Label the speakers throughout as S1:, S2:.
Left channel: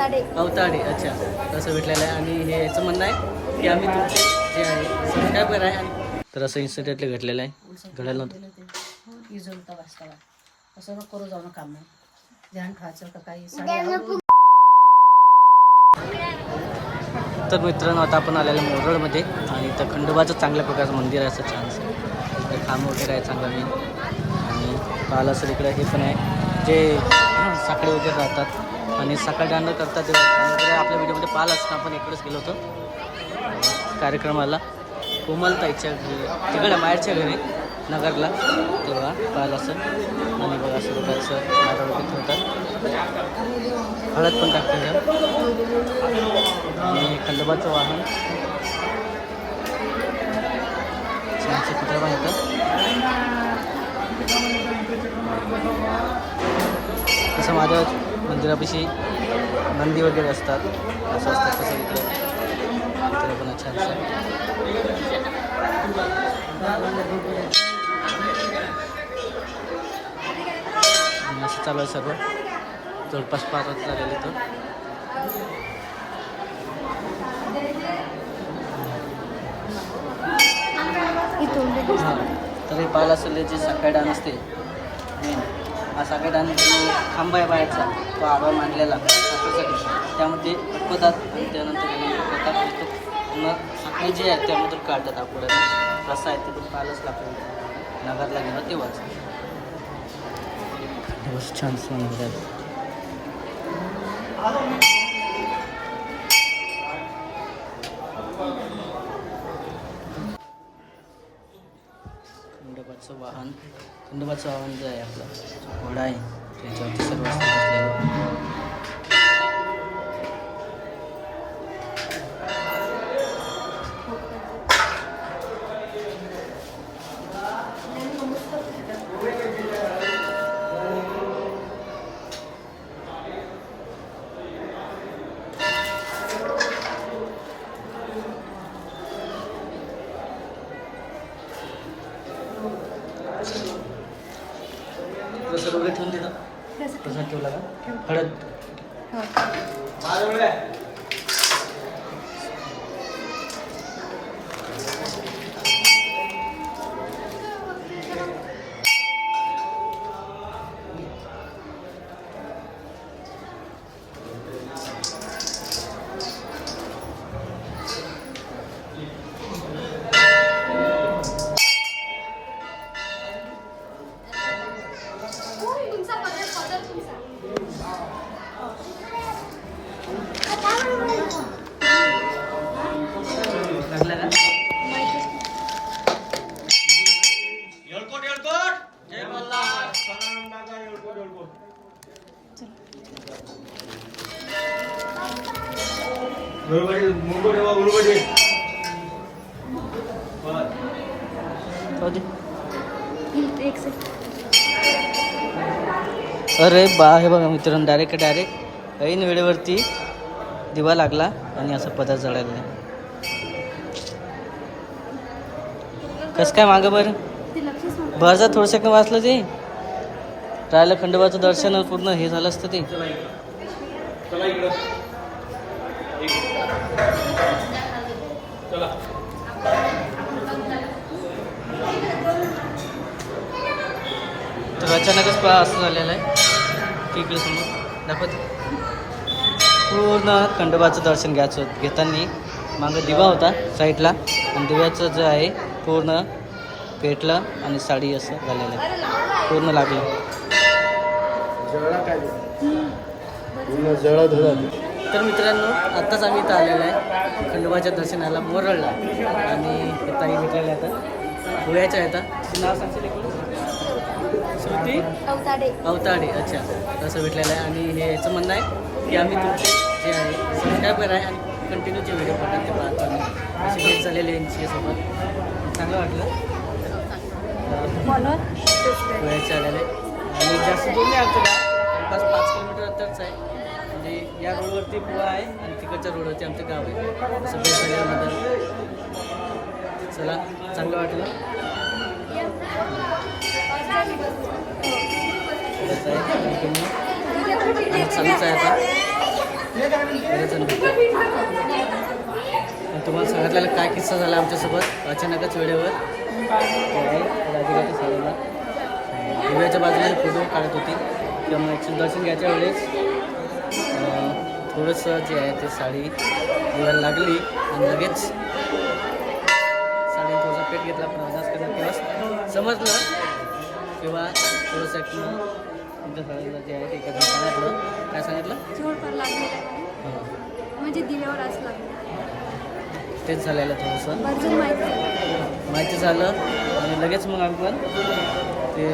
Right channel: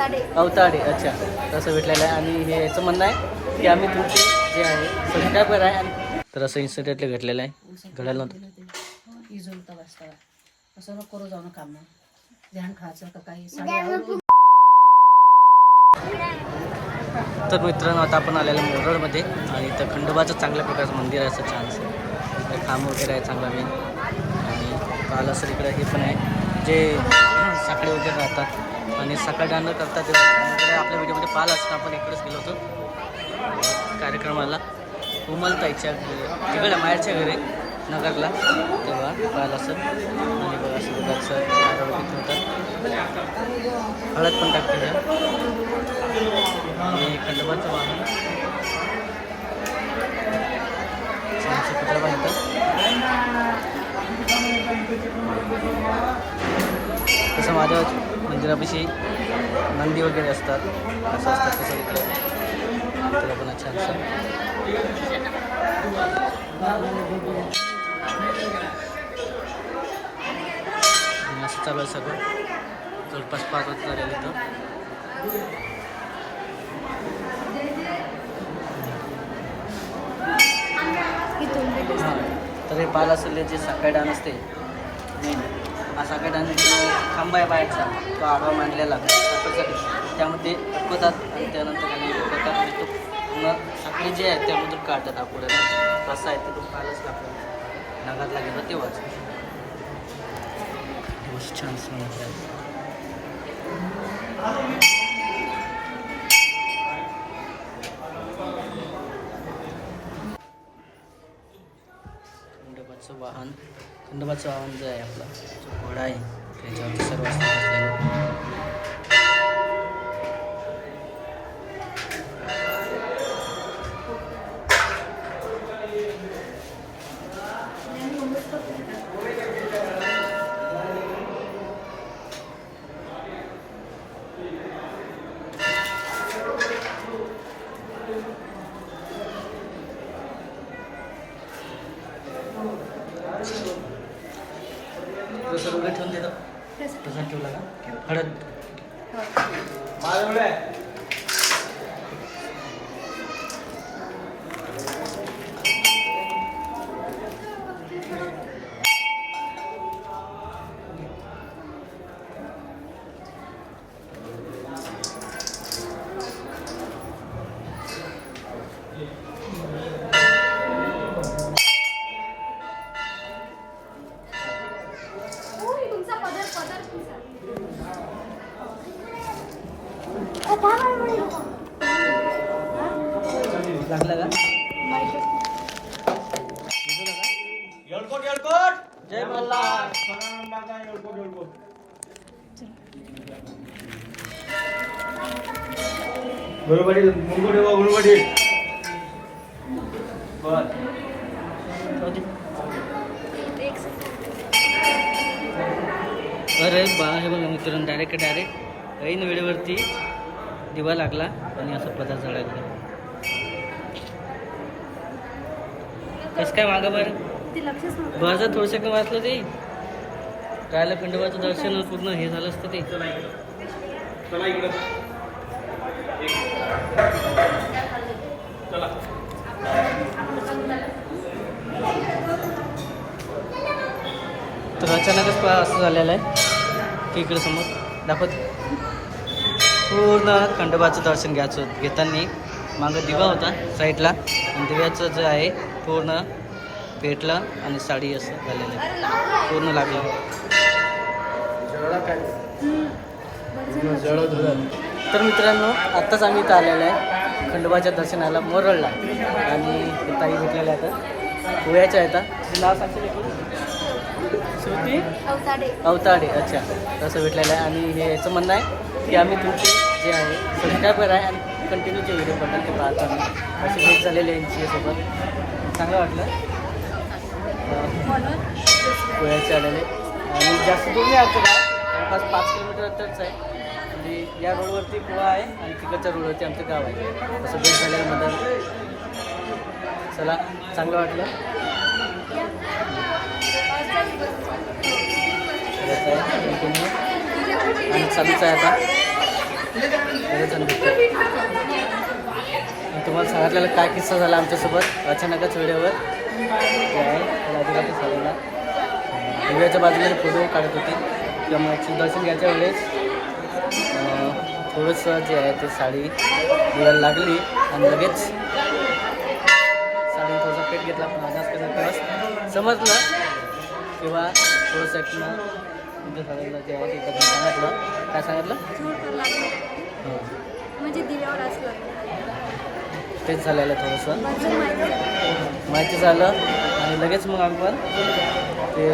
S1: अवताडे.
S2: अच्छा. तसं भेटलेलं आहे. आणि हे याचं म्हणणं आहे की आम्ही तुमचे जे आहे सबस्क्रायबर आहे. आणि तर असं इन्सिडेंटली घडलेलं आहे. घडायला नव्हतं.
S3: इजोलता वाचता असं नको करू जाऊ काम. ध्यान ठेवायचं का काही. साडी
S2: तर मित्रांनो आता आपण आलेलं मोरडमध्ये. आणि इथं खंडोबाचं चांगल्या प्रकारचं मंदिर आहे असं छानसं. इकडे खांब वगैरे आहे चांगला नाही. आणि पाहिलं असेल इकडे हे पण आहे. जे साकडे वगैरे राहतात आणि सकाळ डांडर करतात ते वगैरे आपल्या व्हिडिओमध्ये पाहिलं असतं. आपण इकडेच गेलो होतो. कार्यक्रमाला. कोमलताईच्या घरी. तिकडे माहेरच्या घरी. नगरला. तेव्हा पाहिलं असेल. आणि बघा असं दुधाचं नारळ ठेवतात हळद पण टाकते आणि खंडोबाचं वाहन. कुत्र कुत्रा पण येतात तसं माझ्या मंदिरापाशी नंदी वगैरे असतात. असं असतात तसं इकडं. पण छानसं असं चालू आहे सर्व जवळपास पाच वाजता झालेलं इथं हां. तर हे पाहिलं असेल याची सकाळी डान असते. हा सकाळी डान जो खांबा आहे बाहेरचा तो आडवा मांडलेला साखरेसाठी त्यामध्ये अटकवतात आणि त्यानंतर त्यानंतर करतात. आणि तो पूर्ण साखळी जी आहे त्यामधून काढतात आकुड्यानं कसं आहे ते पण पाहिलंच लागतं नगरला गेलो तेव्हाच. छान सुंदर आहे वाहन. खंडोबाचं वाहन जे आहे आपलं घोडा आहे त्याच्यावरती सर्व सर्व वगैरे ठेवून देतो. प्रसाद ठेवला का? हळद. लागला का जय अरे बा हे बघा मित्रांनो डायरेक्ट डायरेक्ट ऐन वेळेवरती दिवा लागला आणि असा पदार्थ जळायला कसं काय मागं बरं?
S1: ते लक्षच नव्हतं.
S2: बरं थोडं सेकंड वाचलं ते. राहिलं खंडोबाचं दर्शन पूर्ण हे झालं असतं ते. तर अचानकच पहा असं झालेलं आहे. की इकडे समोर. दाखवत. पूर्ण खंडोबाचं दर्शन घ्यायचं. घेताना मागं दिवा होता साईडला. आणि दिव्याचं जे आहे पूर्ण पेटलं आणि साडी असं झालेलं आहे. पूर्ण लागलं. तर मित्रांनो आत्ताच आम्ही इथं आलेलो आहे. खंडोबाच्या दर्शनाला मोरळला. आणि ताई भेटलेल्या आता गोव्याच्या आहेत. नाव सांगशील श्रुती?
S1: अवताडे.
S2: अवताडे अच्छा. तसं भेटलेलं आहे. आणि हे याचं म्हणणं आहे की आम्ही तुमचे जे आहे सबस्क्रायबर आहे आणि कंटिन्यू जे व्हिडिओ पडतात ते पाहतो आम्ही अशी भेट झालेली यांची सोबत चांगलं वाटलं. गोव्याचे आलेले आणि जास्त दूर नाही आमचं गाव. जवळपास पाच किलोमीटर अंतरच आहे. म्हणजे या रोडवरती पुवा आहे आणि तिकडच्या रोडवरती आमचं गाव आहे. असं भेट झाल्याबद्दल चला चांगलं वाटलं. करत आहे तुम्ही आणि चालूच आहे आता. बरेच जण भेटतात. आणि तुम्हाला सांगितलेला काय किस्सा झाला आमच्यासोबत? अचानकच वेळेवर जे दिव्याच्या बाजूला फोटो काढत होती. त्यामुळे मग दर्शन घ्यायच्या वेळेस थोडंसं जे आहे ते साडी दिवायला लागली आणि लगेच साडीने थोडासा पेट घेतला पण अनाज कसं तेव्हा समजलं. किंवा तुमच्या साडीला जे आहे ते सांगितलं काय सांगितलं?
S1: लागले. म्हणजे दिव्यावर असं लागलं.
S2: तेच झालेलं थोडंसं.
S1: माहिती झालं.
S2: आणि लगेच मग आम्ही पण ते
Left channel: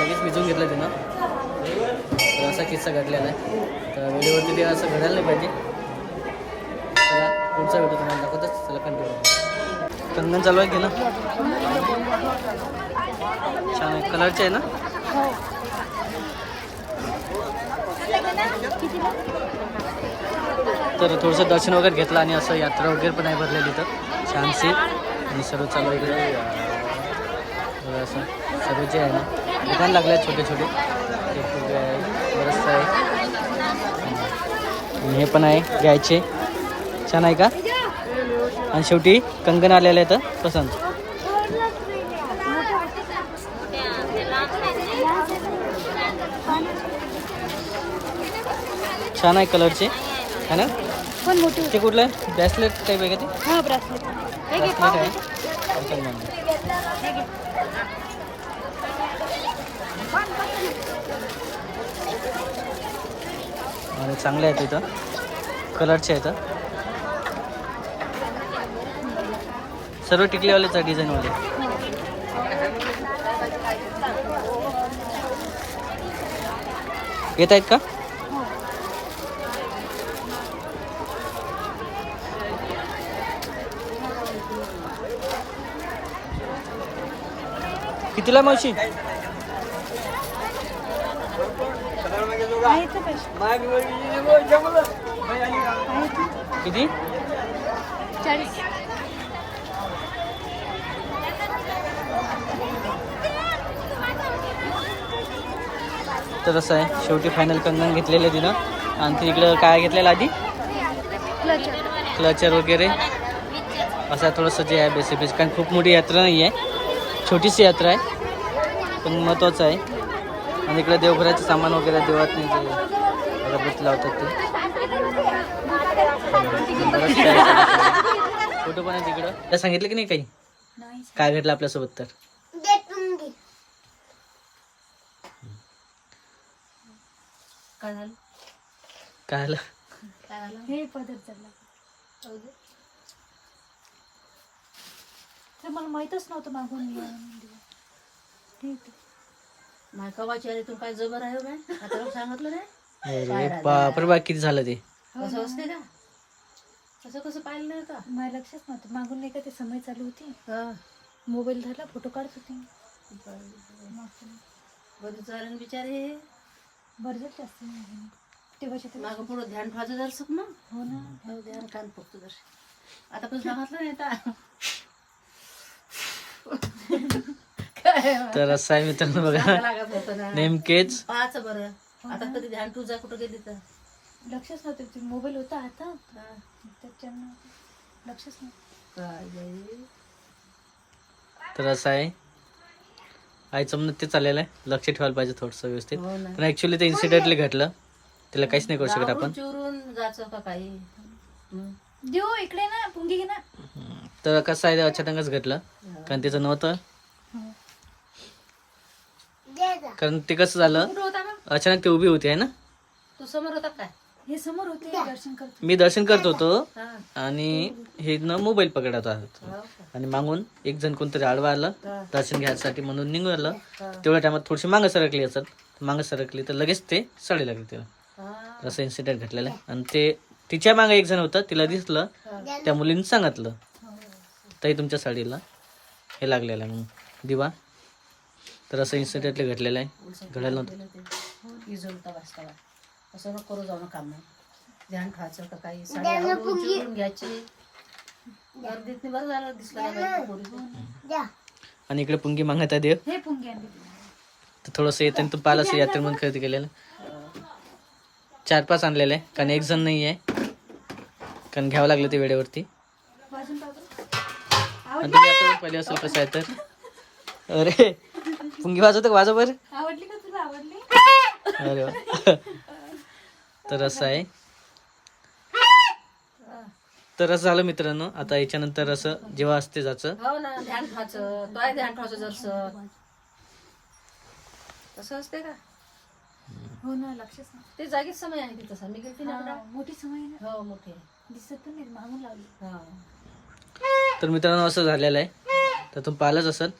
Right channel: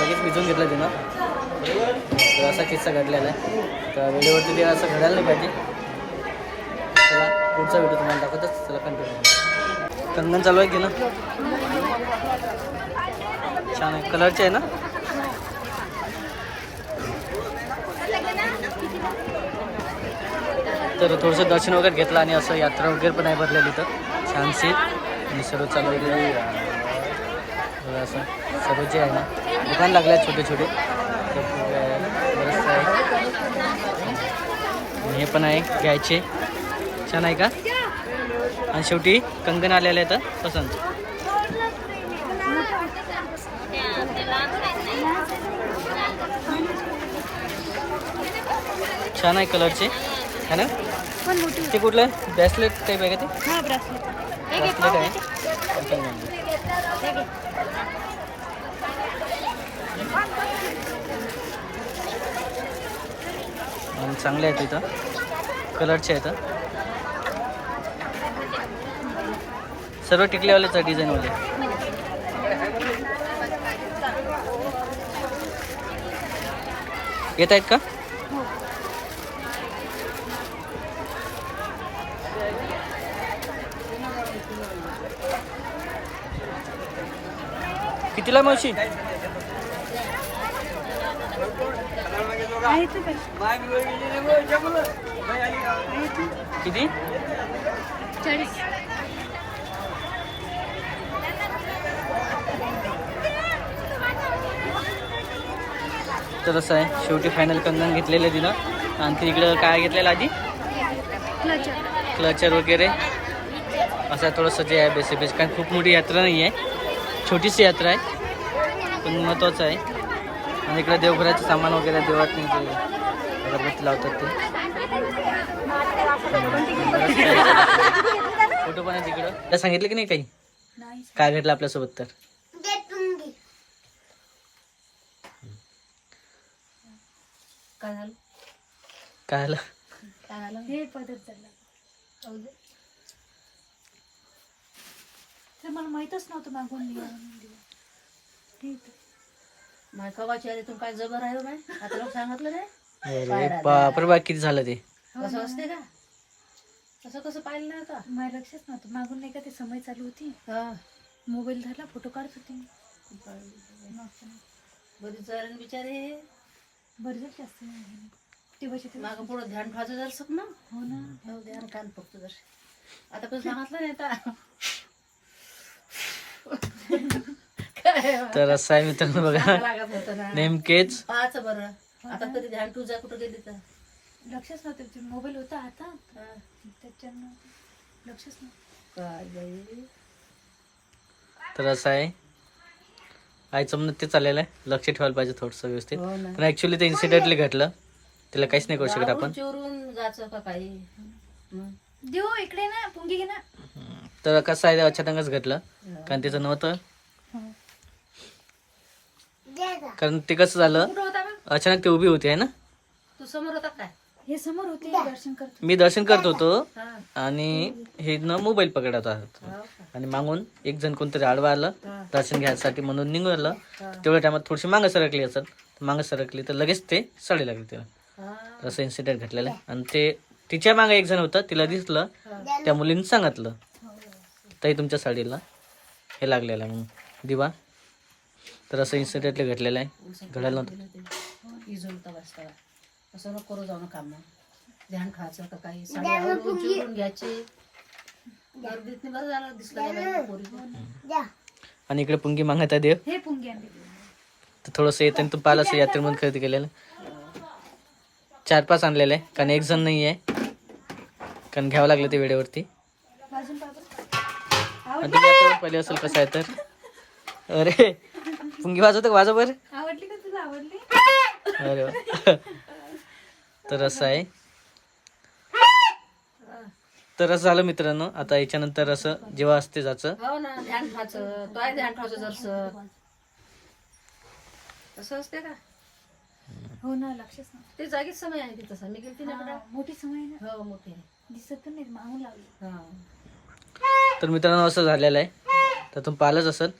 S2: लगेच भिजवून घेतलं तिनं. तर असा किस्सा घडलेला आहे. तर व्हिडिओवरती ते असं घडायला नाही पाहिजे. चला पुढचा व्हिडिओ तुम्हाला दाखवतच. चला कंटिन्यू कंगन चालू आहे की ना? छान आहे. कलरचे आहे ना? तर थोडंसं दर्शन वगैरे घेतलं आणि असं यात्रा वगैरे पण आहे भरलेली तर छानशी. आणि सर्व चालू आहे इकडे. असं. सर्व जे आहे ना दुकान लागलं आहे छोटे छोटे. ते आहे. बरंचसं आहे. आणि हे पण आहे घ्यायचे. छान आहे का? आणि शेवटी कंगन आलेलं आहे तर पसंत छान आहे कलरचे. है ना? ते कुठलं? आहे ब्रेसलेट टाईप आहे का ते?
S1: हो ब्रेसलेट.
S2: आहे. आणि चांगले आहेत इथं. कलरचे आहेत सर्व टिकलेवालेच आहे डिझाईनवाले. येत आहेत का? कितीला मावशी? किती? तर असं आहे शेवटी फायनल कंगन घेतलेलं आहे तिनं. आणखी इकडं काय घेतलेलं आधी? क्लचर वगैरे. असं थोडंसं जे आहे बेसिक बेसिक कारण खूप मोठी यात्रा नाही आहे छोटीशी यात्रा आहे पण महत्त्वाचं आहे. आणि इकडे देवघराचं सामान वगैरे देवात नाही जे अगरबत्ती लावतात ते. फोटो पण आहे तिकडं. त्या सांगितलं की नाही काही? काय घडलं आपल्यासोबत तर?
S3: काय झालं?
S2: काय
S3: झालं
S1: हे पदर चालला ते मला माहीतच नव्हतं मागून. हे ते.
S3: नाही कवाची आली तू काय जबर आहे हो बाय आता लोक सांगितलं नाही?
S2: अरे बापरे बा किती झालं ते?
S3: कसं असते का? कसं कसं पाहिलं नाही आता?
S1: मला लक्षच नव्हतं. मागून नाही का ते समय चालू होती?
S3: हा.
S1: मोबाईल धरला फोटो काढत होती.
S3: बरी चालेल बिचारे.
S1: बरं झालं जास्त नाही तेव्हाच्या तेव्हा.
S3: मागं पुढं ध्यान ठेवायचं जरसक ना?
S1: हो ना.
S3: हो ध्यान कान फक्त जर आता कसं सांगितलं नाही आता. काय
S2: तर असं आहे मित्रांनो बघा.
S3: सांगावं लागत होतं ना.
S2: नेमकेच?
S3: पाहायचं बरं. आता कधी ध्यान तुझा कुठं गेली तर?
S1: लक्षच नव्हतं ते मोबाईल होता हातात
S3: हा.
S1: त्याच्यानं लक्षच नव्हतं.
S3: काय बाई?
S2: तर असं आहे. आईचं म्हणणं ते चाललेलं आहे. लक्ष ठेवायला पाहिजे थोडंसं व्यवस्थित.
S3: हो ना.
S2: पण ॲक्च्युली ते इन्सिडेंटली घडलं त्याला काहीच नाही करू शकत आपण.
S3: चोरून जायचं का काही?
S1: देऊ इकडे ना पुंगी घे ना.
S2: तर कसं आहे ते अचानकच घडलं. कारण तिचं नव्हतं कारण ते कसं झालं अचानक ते उभी होती आहे ना?
S3: तू समोर होता काय
S1: हे समोर होते दर्शन करतो
S2: मी दर्शन करत होतो
S3: हा.
S2: आणि हे न मोबाईल पकडत आहोत.
S3: हो?
S2: आणि मागून एक जण कोणतरी आडवा आलं. दर्शन घ्यायसाठी म्हणून निघालं.
S3: हा.
S2: तेवढ्या टायमात थोडीशी मागं सरकली असेल. मागं सरकली तर लगेच ते साडी लागली तिला.
S3: हा.
S2: असं इन्सिडेंट घडलेलं आहे. आणि ते तिच्यामागे एक जण होतं तिला दिसलं. त्या मुलीने सांगितलं. ताई तुमच्या साडीला हे लागलेलं आहे म्हणून. दिवा. तर असं इन्सिडेंटली घडलेलं आहे. घडायला नव्हतं.
S3: गेलं ते. इजोलता वाजता असं नको करू जाऊ काम ध्यान ठेवायचं का काही. साडी आवरून चिरून घ्यायची. गर्दीत बरं झालं दिसलं नाही बाई पोरी.
S2: आणि इकडे पुंगी मागत देव.
S1: हे पुंगी
S2: तर थोडंसं येतं तू पाहिलं असेल यात्रेमधून खरेदी केलेलं. चार पाच आणलेले आहे. कारण एक जण नाही आहे कारण घ्यावं लागलं ते वेळेवरती. तुम्ही आता पहिले असेल कसं आहे तर. अरे पुंगी वाजवतं बरं
S1: आवडली का तुला? आवडली?
S2: अरे वा. तर असं आहे. तर असं झालं मित्रांनो आता याच्यानंतर असं जेव्हा असते जायचं
S3: हो ना ध्यान ठेवायचं तोय ध्यान ठेवायचं जरसं. तसं असते का?
S1: हो ना लक्षच नाही.
S3: ते जागीच समय आहे की तसं मी गेलती ना.
S1: हा, मोठी समय आहे ना.
S3: हो मोठे
S1: दिसत पण नाही मागून लावली.
S3: हा.
S2: तर मित्रांनो असं झालेलं आहे. तर तुम्ही पाहिलंच असेल.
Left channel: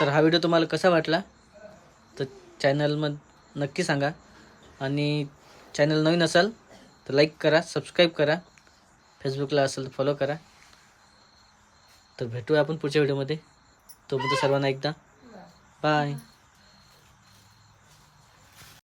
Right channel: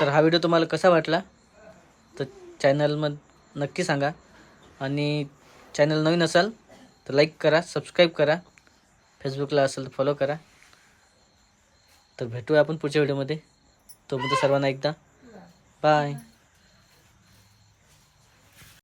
S2: तर हा व्हिडिओ तुम्हाला कसा वाटला तर चॅनलमध्ये नक्की सांगा. आणि चॅनल नवीन असाल तर लाईक करा सबस्क्राईब करा. फेसबुकला असेल तर फॉलो करा. तर भेटूया आपण पुढच्या व्हिडिओमध्ये. तोपर्यंत सर्वांना एकदा. बाय